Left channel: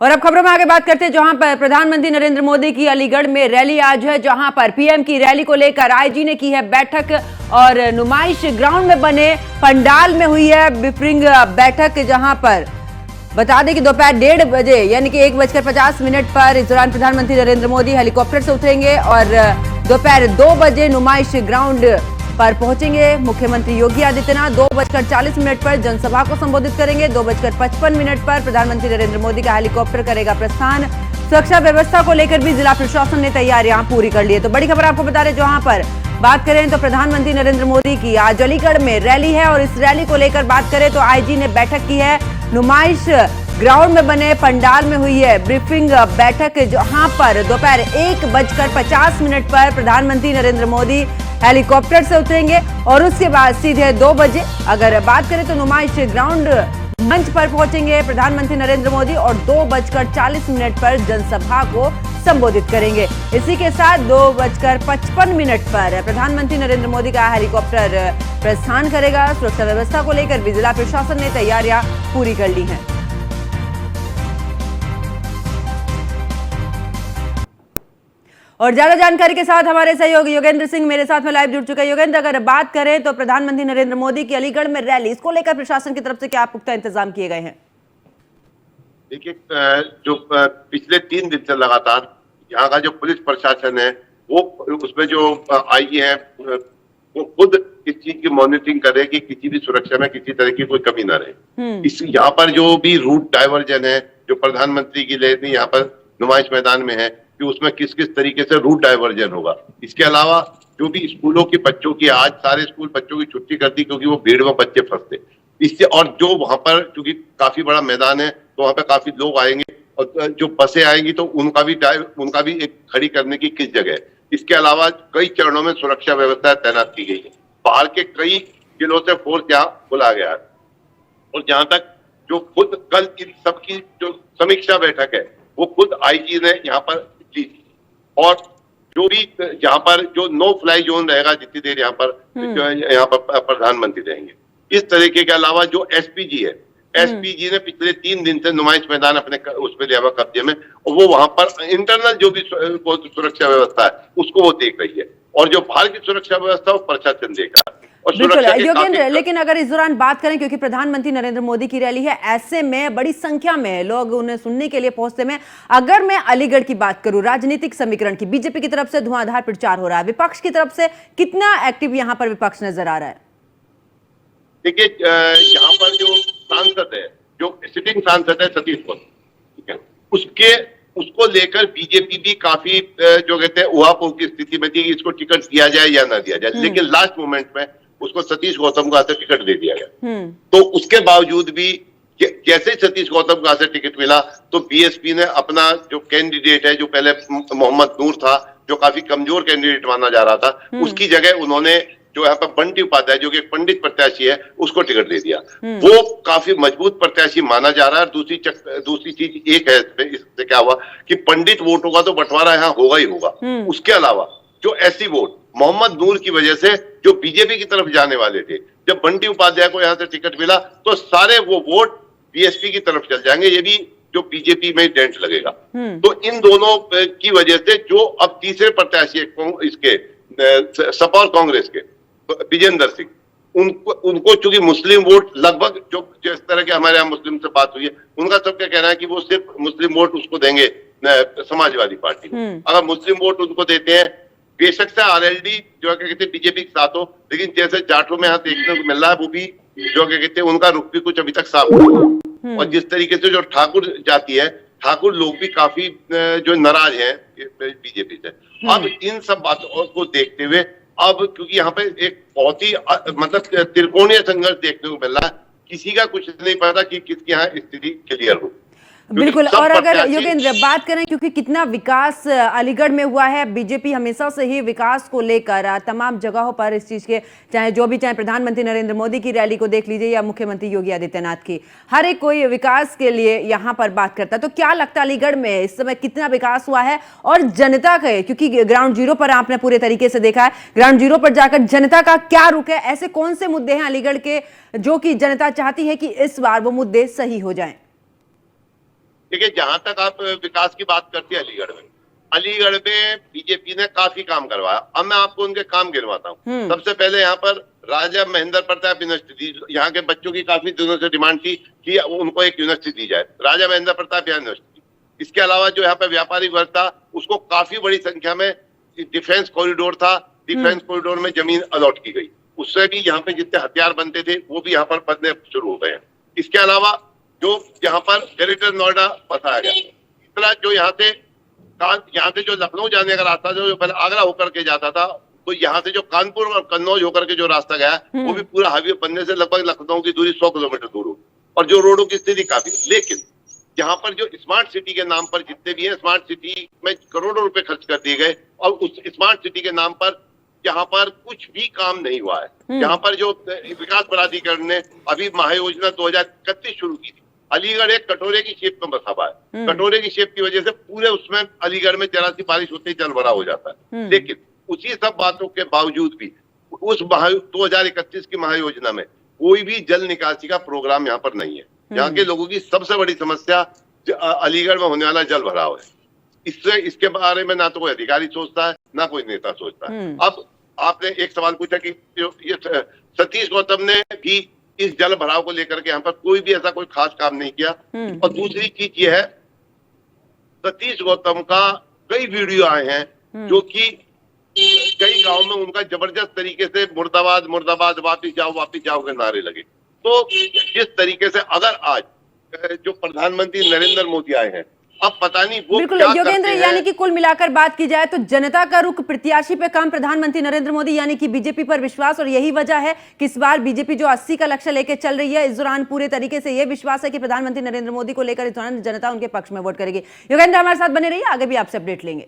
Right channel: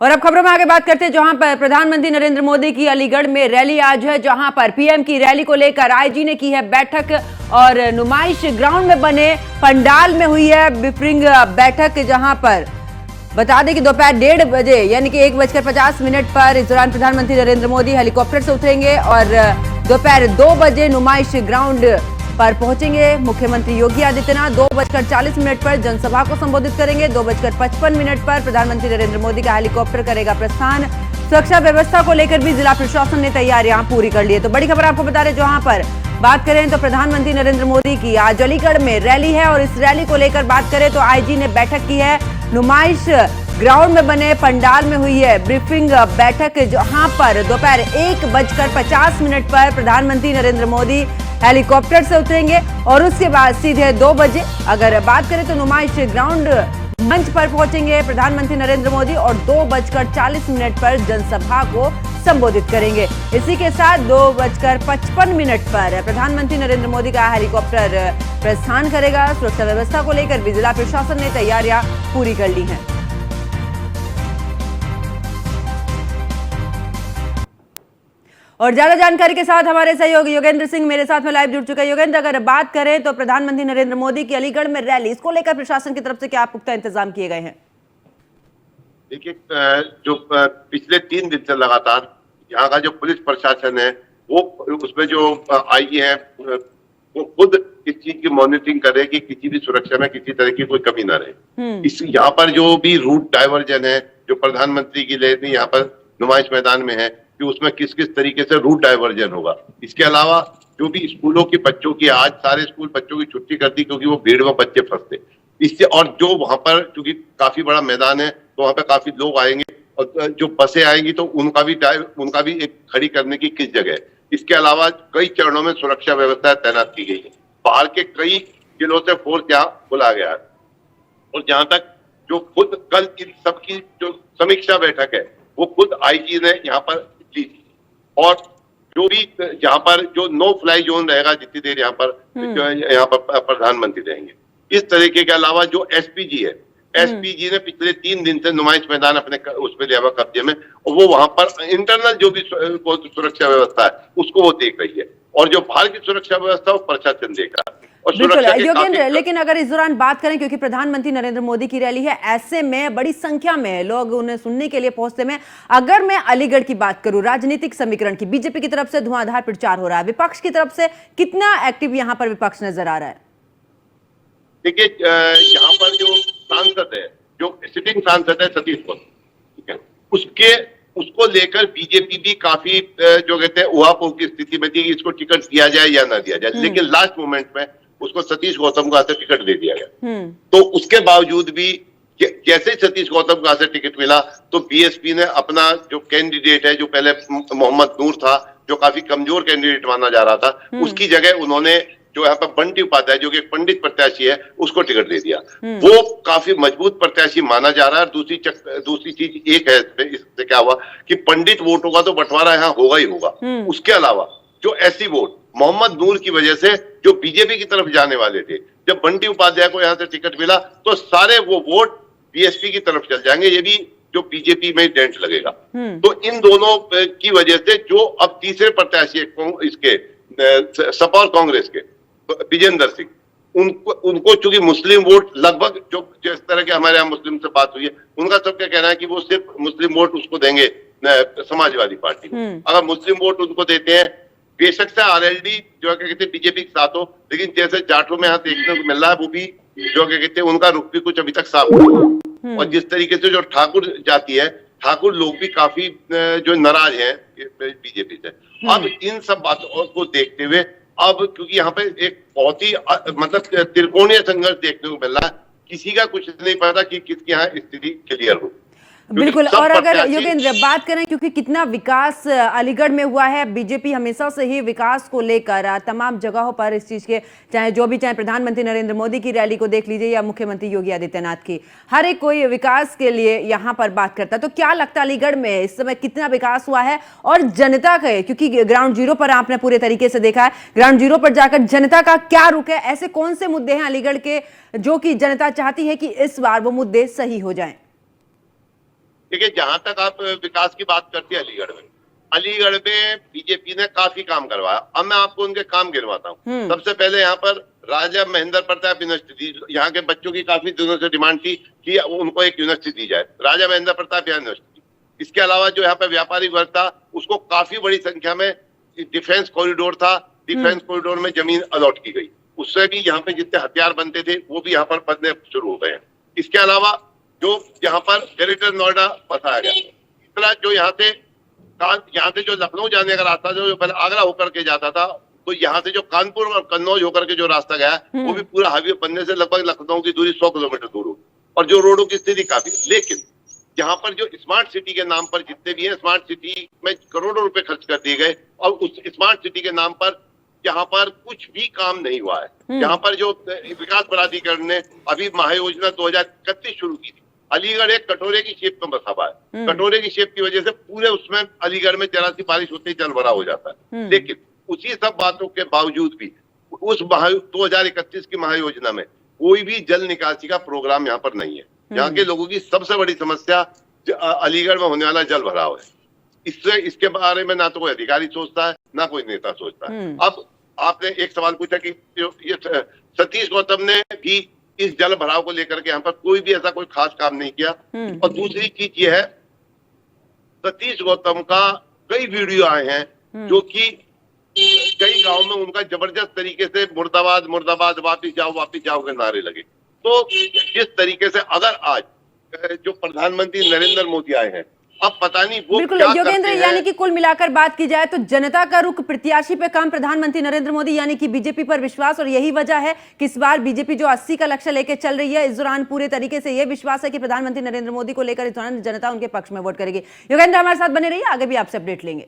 और अब खबरों में आगे बात करते हैं, जहां पर प्रधानमंत्री नरेंद्र मोदी की अलीगढ़ में रैली आज है, जहां पर पीएम की रैली को लेकर आईजी ने की है बैठक और नुमाइश ग्राउंड में बने पंडाल में हुई है ब्रीफिंग बैठक। जहां पर बता दें कि दोपहर 1:30 बजे यानी कि 1:50 पर इस दौरान प्रधानमंत्री नरेंद्र मोदी हेलीकॉप्टर से उतरेंगे और दोपहर 2 बजे नुमाइश ग्राउंड पर पहुंचेंगे। मुख्यमंत्री योगी आदित्यनाथ 2:40 पर जनसभा को संबोधित करेंगे। 2:55 पर प्रधानमंत्री नरेंद्र मोदी का हेलीकॉप्टर करेगा प्रस्थान। सुरक्षा व्यवस्था को लेकर भी जिला प्रशासन ने तैयारियां पूरी कर ली है। तो बड़ी खबर आपको बता रहे, जहां पर बात करें तो प्रधानमंत्री नरेंद्र मोदी की आज अलीगढ़ में रैली है और इस रैली को लेकर बात करें तो आईजी ने बैठक की है। नुमाइश ग्राउंड में बने पंडाल में हुई है ब्रीफिंग बैठक, जहां पर दोपहर 1:50 पर प्रधानमंत्री नरेंद्र मोदी हेलीकॉप्टर से उतरेंगे और उसके बाद सीधे 2 बजे अगर बात करें तो नुमाइश ग्राउंड मंच पर पहुंचेंगे प्रधानमंत्री नरेंद्र मोदी और 2:40 पर जनसभा को संबोधित करेंगे। इसी के साथ 2:55 पर प्रधानमंत्री नरेंद्र मोदी का हेलीकॉप्टर प्रस्थान करेगा। सुरक्षा व्यवस्था को लेकर भी जिला प्रशासन ने तैयारियां पूरी कर ली हैं। और ज्यादा जानकारी के साथ हमारे सहयोगी योगेंद्र सिंह मेरे साथ में लाइव जुड़ चुके हैं। योगेंद्र, अगर बात करें तो प्रधानमंत्री नरेंद्र मोदी की अलीगढ़ में रैली, इसको लेकर प्रशासन की तरफ से क्या पुख्ता इंतजाम किए गए हैं? देखिए, जो पिछले 3 दिन से लगातार यहाँ का जो पुलिस प्रशासन है वो उसमें जो आईजी है वो खुद इस चीज की मॉनिटरिंग करे कि किसी भी सुरक्षा में किसी तरह की कोई कमी ना रहे। इस यहाँ पर जो भी रूट डाइवर्जन है जो प्रधानमंत्री की रैली यहाँ पर नुमाइश मैदान में है कि उसमें किस किस तरीके से रूट डाइवर्जन होगा। इसके अलावा जो भी स्कूलों के बच्चों की आज सारे स्कूल बच्चों की छुट्टी कर दी क्योंकि वो भीड़ में बच्चे फंसते इससे, और जो वहां पर क्योंकि काफी बड़ा मैदान है तो वहां पर काफी लोग आएंगे और जो बसें आएंगी तो उनका भी एक खड़ी करने की किस जगह है। इसके अलावा कई चरणों में सुरक्षा व्यवस्था तैनात की गई है। बाहर के कई जिलों से फोर्स यहाँ बुलाया गया है और जहां तक जो खुद कल इन सबकी जो समीक्षा बैठक है वो खुद आईजी ने यहाँ पर ली और जो भी यहाँ पर जो नो फ्लाई जोन रहेगा जितनी देर यहाँ पर प्रधानमंत्री रहेंगे। इस तरीके के अलावा जो एसपीजी है, एसपीजी ने पिछले 3 दिन से नुमाइश मैदान अपने उसमें लिया हुआ कब्जे में और वो वहां पर इंटरनल जो भी सुरक्षा व्यवस्था है उसको वो देख रही है और जो बाहर की सुरक्षा व्यवस्था वो प्रशासन देख रहा है। बिल्कुल योगेंद्र, लेकिन अगर इस दौरान बात करें क्योंकि प्रधानमंत्री नरेंद्र मोदी की रैली है, ऐसे में बड़ी संख्या में लोग उन्हें सुनने के लिए पहुंचते में, अगर मैं अलीगढ़ की बात करूं राजनीतिक समीकरण की, बीजेपी की तरफ से धुआंधार प्रचार हो रहा है, विपक्ष की तरफ से कितना एक्टिव यहाँ पर विपक्ष नजर आ रहा है? देखिए, यहाँ पर जो सांसद है, जो सिटिंग सांसद है सतीश ठीक है, उसको लेकर बीजेपी भी काफी जो कहते हैं उहापोह की स्थिति में थी कि इसको टिकट दिया जाए या ना दिया जाए, लेकिन लास्ट मोमेंट में उसको सतीश गौतम को से टिकट दे दिया गया। तो उसके बावजूद भी जैसे सतीश गौतम को से टिकट मिला तो बीएसपी ने अपना जो कैंडिडेट है, जो पहले मोहम्मद नूर था जो काफी कमजोर कैंडिडेट माना जा रहा था, उसकी जगह उन्होंने जो यहाँ पर बंटी उपाध्याय जो कि एक पंडित प्रत्याशी है उसको टिकट दे दिया। वो काफी मजबूत प्रत्याशी माना जा रहा है। दूसरी चीज एक है इससे क्या हुआ कि पंडित वोटों का तो बंटवारा यहाँ होगा ही होगा। उसके अलावा जो एससी वोट मोहम्मद नूर की वजह से जो बीजेपी की तरफ जाने वाले थे, जब बंटी उपाध्याय को यहाँ से टिकट मिला तो सारे वो वोट बीएसपी की तरफ चल जाएंगे, ये भी जो बीजेपी में डेंट लगेगा। तो इन दोनों की वजह से जो अब तीसरे प्रत्याशी इसके सपा और कांग्रेस के विजेंद्र सिंह, उनको चूंकि मुस्लिम वोट लगभग जो जिस तरह के हमारे यहाँ मुस्लिम से बात हुई है, उनका सबका कहना है कि वो सिर्फ मुस्लिम वोट उसको देंगे समाजवादी पार्टी को। अगर मुस्लिम वोट उनको देते हैं, बेशक से आरएलडी जो कहते हैं बीजेपी के साथ हो, लेकिन जैसे जाटों में यहाँ देखने को मिल रहा है वो भी जो कहते हैं उनका रुख भी कुछ अभी तक साफ नहीं। और जिस तरीके से जो ठाकुर जाति है, ठाकुर लोग भी काफी जो नाराज हैं बीजेपी से। अब इन सब बातों को देखते हुए अब क्योंकि यहाँ पे एक बहुत ही मतलब त्रिकोणीय संघर्ष देखने को मिल रहा है, किसी का कुछ नहीं पता कि किसके यहाँ स्थिति क्लियर हो। बिल्कुल। और अगर योगेंद्र बात करें क्योंकि कितना विकास अलीगढ़ में हुआ है, बीजेपी हमेशा से ही विकास को लेकर तमाम जगहों पर इस चीज के चाहे प्रधानमंत्री नरेंद्र मोदी की रैली को देख लीजिए या मुख्यमंत्री योगी आदित्यनाथ की, हर एक कोई विकास के लिए यहाँ पर बात करता है। तो क्या लगता है अलीगढ़ में इस समय कितना विकास हुआ है और जनता का, क्योंकि ग्राउंड जीरो पर आपने पूरे तरीके से देखा है, ग्राउंड जीरो पर जाकर जनता का क्या रुख है, ऐसे कौन से मुद्दे हैं अलीगढ़ के जो कि जनता चाहती है कि इस बार वो मुद्दे सही हो जाएं? देखिए, जहां तक आप विकास की बात करते हैं, अलीगढ़ में बीजेपी ने काफी काम करवाया। अब मैं आपको उनके काम गिनवाता हूँ। सबसे पहले यहाँ पर राजा महेंद्र प्रताप यूनिवर्सिटी, यहाँ के बच्चों की काफी दिनों से डिमांड थी कि उनको एक यूनिवर्सिटी दी जाए, राजा महेंद्र प्रताप यूनिवर्सिटी। इसके अलावा जो यहाँ पे व्यापारिक वर्ग था उसको काफी बड़ी संख्या में डिफेंस कॉरिडोर था, डिफेंस कॉरिडोर में जमीन अलॉट की गई, उससे भी यहाँ पे जितने हथियार बनते थे वो भी यहाँ पर बनने शुरू हो गए हैं। इसके अलावा जो यहाँ पर ग्रेटर नोएडा बताया गया, इतना जो यहाँ से जो लखनऊ जाने का रास्ता जो पहले आगरा होकर के जाता था, तो यहाँ से जो कानपुर और कन्नौज होकर के जो रास्ता गया वो भी पूरा हाईवे बनने से लगभग लखनऊ की दूरी 100 किलोमीटर दूर हो, और जो रोडों की स्थिति काफी। लेकिन यहाँ पर जो स्मार्ट सिटी के नाम पर जितने भी है, स्मार्ट सिटी में करोड़ों रुपए खर्च कर दिए गए, और उस स्मार्ट सिटी के नाम पर यहाँ पर कुछ भी काम नहीं हुआ है। यहाँ पर जो विकास प्राधिकरण ने अभी महायोजना 2031 शुरू की थी, अलीगढ़ एक कटोरे की शेप का मसाबा है। कटोरे की शेप की वजह से पूरे उसमें अलीगढ़ में जरा सी बारिश होते ही जल भरा हो जाता है। लेकिन उसी सब बातों के बावजूद भी उस 2031 की महायोजना में कोई भी जल निकासी का प्रोग्राम यहाँ पर नहीं है। यहाँ के लोगों की सबसे बड़ी समस्या अलीगढ़ में होने वाला जल भराव है। इसके बारे में ना तो कोई अधिकारी सोचता है, ना कोई नेता सोचता है। अब आपने एक सवाल पूछा कि ये सतीश गौतम ने भी इस जल भराव को लेकर के यहाँ पर कोई भी ऐसा कोई खास काम नहीं किया। और दूसरी चीज ये है, सतीश गौतम का कई वीडियो आए हैं जो कि कई गांव में उनका जबरदस्त तरीके से मुर्दाबाद मुर्दाबाद, वापिस जाओ के नारे लगे। तो जिस तरीके से अगर आज जो प्रधानमंत्री नरेंद्र मोदी आए हैं, अब पता नहीं वो बिल्कुल योगेंद्र, यानी कि कुल मिलाकर बात की जाए तो जनता का रुख प्रत्याशी पे कम, प्रधानमंत्री नरेंद्र मोदी यानी कि बीजेपी पर विश्वास, और यही वजह है कि इस बार बीजेपी जो 80 का लक्ष्य लेकर चल रही है, इस दौरान पूरे तरीके से यह विश्वास है कि प्रधानमंत्री नरेंद्र मोदी को लेकर इस दौरान जनता उनके पक्ष में वोट करेगी। योगेंद्र हमारे साथ बने रहिए, आगे भी आपसे अपडेट लेंगे।